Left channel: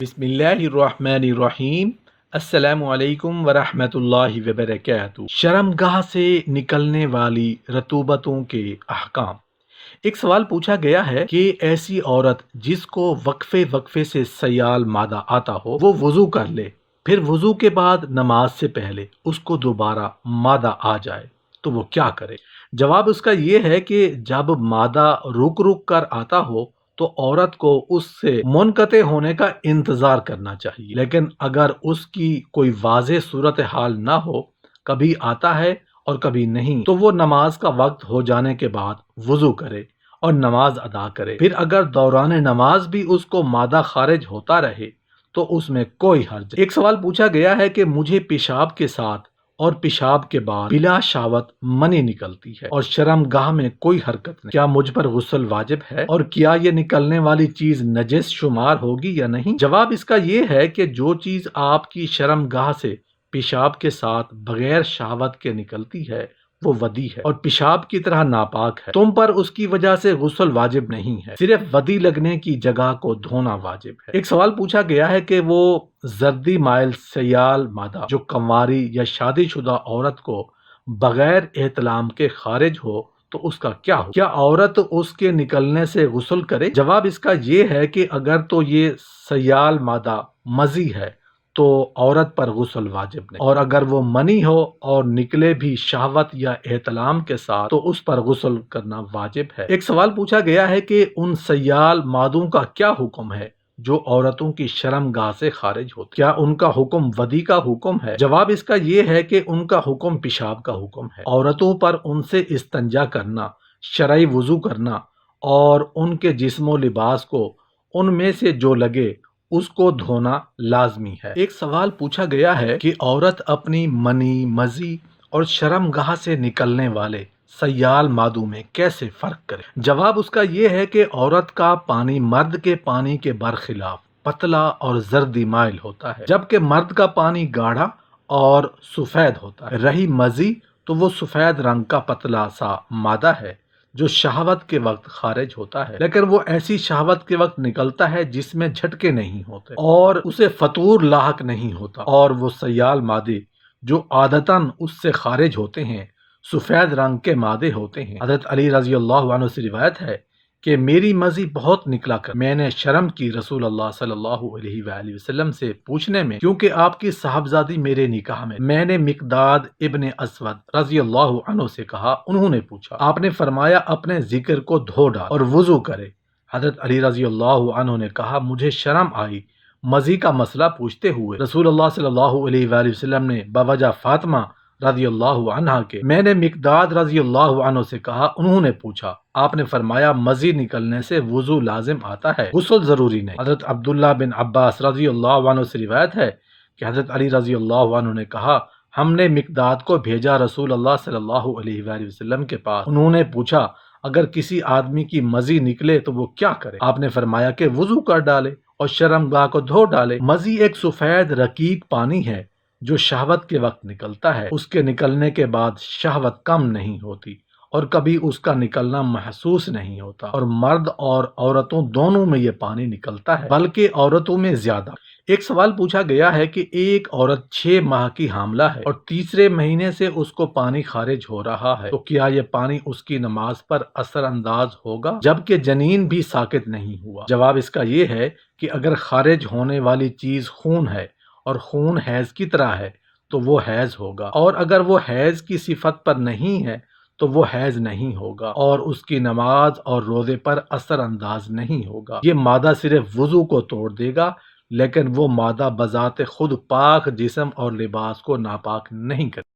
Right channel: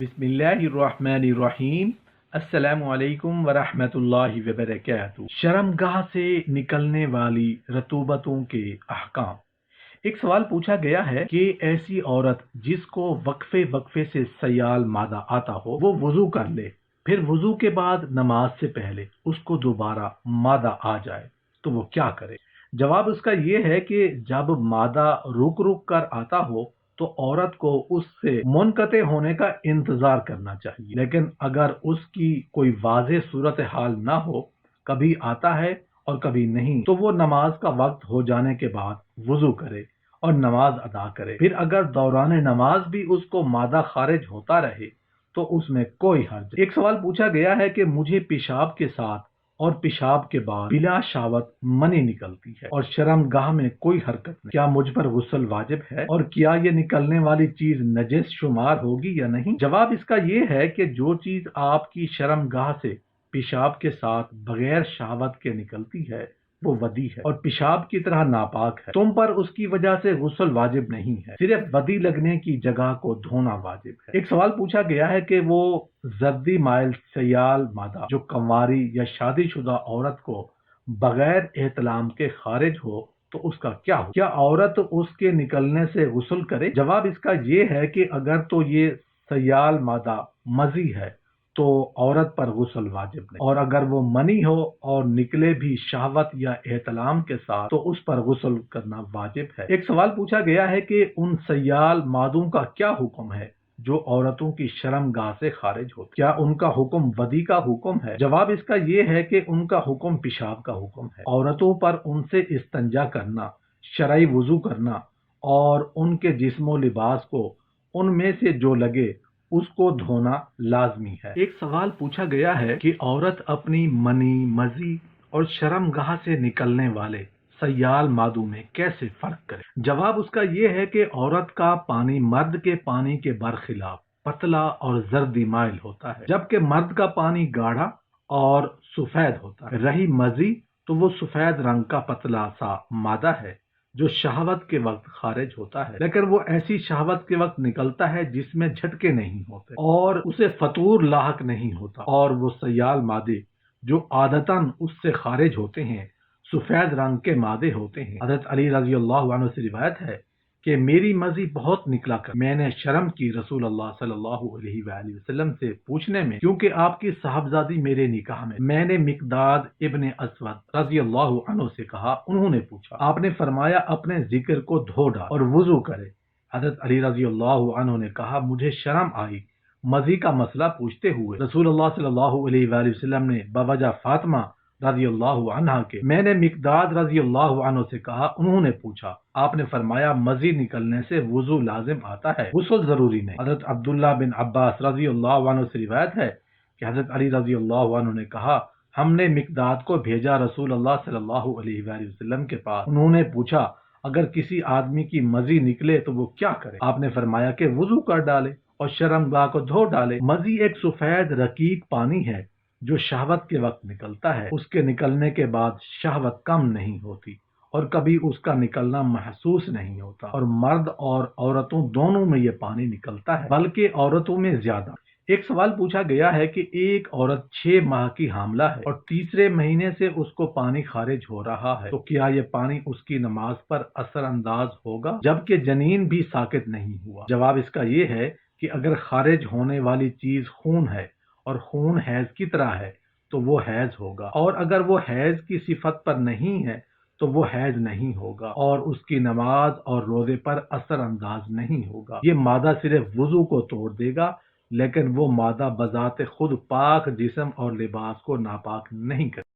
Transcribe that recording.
بسم اللہ الرحمن الرحیم۔ السلام علیکم ورحمۃ اللہ وبرکاتہ۔ شرمگاہ سے نکلنے والی رطوبتوں کے احکام۔ ایک سوال پوچھا گیا ہے کہ ایسی عورت جس کو وقفے وقفے سے سیال مادہ آتا ہو وہ وضو کر لے، پھر وضو کے بعد نماز سے پہلے اس کو دوبارہ مادہ آ جائے تو وہ کیا کرے؟ جواب اس کا یہ ہے کہ جب مادہ رک رک کر آتا ہو تو عورت کو اس سے منقطع ہونے کا انتظار کرنا چاہیے، لیکن اگر اس کی کوئی واضح صورتحال نہ ہو، کبھی آتا ہے اور کبھی نہیں، تو وہ نماز کا وقت ہو جانے کے بعد وضو کرے اور نماز ادا کرے۔ پھر اگر دوران نماز بھی اس کو مادہ خارج ہوتا رہے تو اس میں کوئی حرج نہیں۔ ایک سوال پوچھا گیا ہے کہ مجھے پیشاب کے ساتھ اور پیشاب کے بعد بلا شہوت منی نکلتی ہے اور شرمگاہ میں کوئی حرکت نہیں، کیا مجھ پر غسل واجب ہے اور کیا یہ نکلنے والی چیز نجس شمار ہوگی یا نہیں؟ جواب اس کا یہ ہے کہ جو چیز آپ کی شرمگاہ سے پیشاب کے ساتھ بغیر شہوت کے نکلتی ہے وہ ودی ہے اور پیشاب کی طرح ناپاک ہے، تم پر اس کی وجہ سے غسل واجب نہیں ہے، صرف ودی لگنے کی جگہ کو دھونا واجب ہے۔ ایک سوال پوچھا گیا ہے کہ وہ زردی مائل سیال مادہ جو کنواری یا شادی شدہ عورت کو بغیر احتلام کے خارج ہو تو اس کا کیا ہو؟ کیا عورت اس کے نکلنے سے غسل کرے؟ جواب اس کا یہ ہے کہ اگر تو یہ سیال مادہ مزی ہے تو عورت پر غسل واجب نہیں، اور اگر وہ منی ہو اور نکلے بھی شہوت یا احتلام کے ساتھ تو اس پر غسل کرنا واجب ہے۔ ایک سوال پوچھا گیا ہے کہ ان سیال مادوں کا کیا حکم ہے جو عورتوں کی شرمگاہ سے خارج ہوتے، کیا ان کا حکم ودی کا حکم ہے؟ جواب اس کا یہ ہے کہ ان کا حکم پیشاب کا حکم ہے۔ عورتوں پر ان سے استنجا کرنا، شرعی وضو کرنا اور ان کے جسم و لباس کو ان میں سے جو لگے اس کو دھونا لازمی ہے۔ ایک سوال پوچھا گیا ہے کہ عورت اپنی منی، مزی اور شرمگاہ سے نکلنے والے سیال مادوں میں کیسے فرق کرے؟ جواب اس کا یہ ہے کہ عورت کا پانی مرد کے پانی کے برخلاف پتلا اور زردی مائل ہوتا ہے، جبکہ مرد کا پانی گاڑھا اور سفید ہوتا ہے۔ رہی مزی تو وہ سفید رنگ کا پتلا سا مادہ ہے جو شہوت کے وقت خارج ہوتا ہے، لیکن وہ ایسی شہوت کے وقت نکلتا ہے جس میں جھٹکے نہیں ہوتے اور اسے فطور لاحق نہیں ہوتا، اور وہ سیال مادے جو عادتاً اس سے خارج ہوتے ہیں سفید رنگ کے مادے ہوتے ہیں۔ حضرت علی رضی اللہ عنہ سے روایت ہے کہ میری مزی بہت نکلا کر میں نے شرم کی رسول اللہ صلی اللہ علیہ وآلہ وسلم سے پوچھنے میں، کیونکہ آپ کی صاحبزادی میرے نکاح میں نے مقداد ابن اسود رضی اللہ عنہ سے کہا، انہوں نے پوچھا، آپ نے فرمایا اپنے ذکر کو دھو ڈال اور وضو کرے۔ حضرت علی رضی اللہ عنہ نے کہا، مجھے شرم آئی مزی کا مسئلہ پوچھتے ہوئے۔ رسول اللہ صلی اللہ علیہ وآلہ وسلم نے بوجہ فاطمہ رضی اللہ عنہ کے میں نے مقداد رضی اللہ عنہ سے کہا، انہوں نے پوچھا، آپ نے فرمایا مزی نکلنے سے وضو لازم آتا ہے، غسل ضروری نہیں۔ حضرت عبداللہ بن عباس رضی اللہ عنہ سے روایت ہے کہ حضرت علی رضی اللہ عنہ نے کہا، ہم نے مقداد کو بھیجا رسول اللہ صلی اللہ علیہ وآلہ وسلم کے پاس، انہوں نے پوچھا اگر کسی آدمی کی مزی نکلے تو وہ کیا کرے؟ آپ نے فرمایا کہ وضو کر ڈالے اور شرمگاہ کو دھو ڈالے۔ مزی ایک سفید رقیق پانی ہے جو شہوت کے وقت نکلتا ہے، اس کے نکلنے کے بعد شہوت کم نہیں ہوتی اور کبھی اس کا نکلنا محسوس نہیں ہوتا، اور مرد اور عورتوں دونوں میں یہ پانی نکلتا ہے، بلکہ عورتوں میں زیادہ۔ ایک سوال پوچھا گیا ہے کہ ایک عورت 6 ماہ کی حاملہ ہے اور تیسرے مہینے سے اس کو پانی خارج ہو رہا ہے، تو کیا یہ پانی اس کی نماز پر اثر انداز ہوگا جبکہ جنین بھی ساقط نہیں ہوا؟ جواب اس کا یہ ہے کہ اگر خارج ہونے والی چیز خون ہے اور خون حیض کی طرح ہے تو وہ حیض ہوگا، اور اگر وہ حیض کی صفت پر نہیں ہے تو وہ حیض نہیں ہوگا اور اس کی نماز اور روزے پر اثر انداز نہیں ہوگا۔ یہ مادہ صرف وضو کو توڑ دے گا، لیکن وہ مادہ بذات خود پاک جسم اور لباس کو ناپاک نہیں کرے۔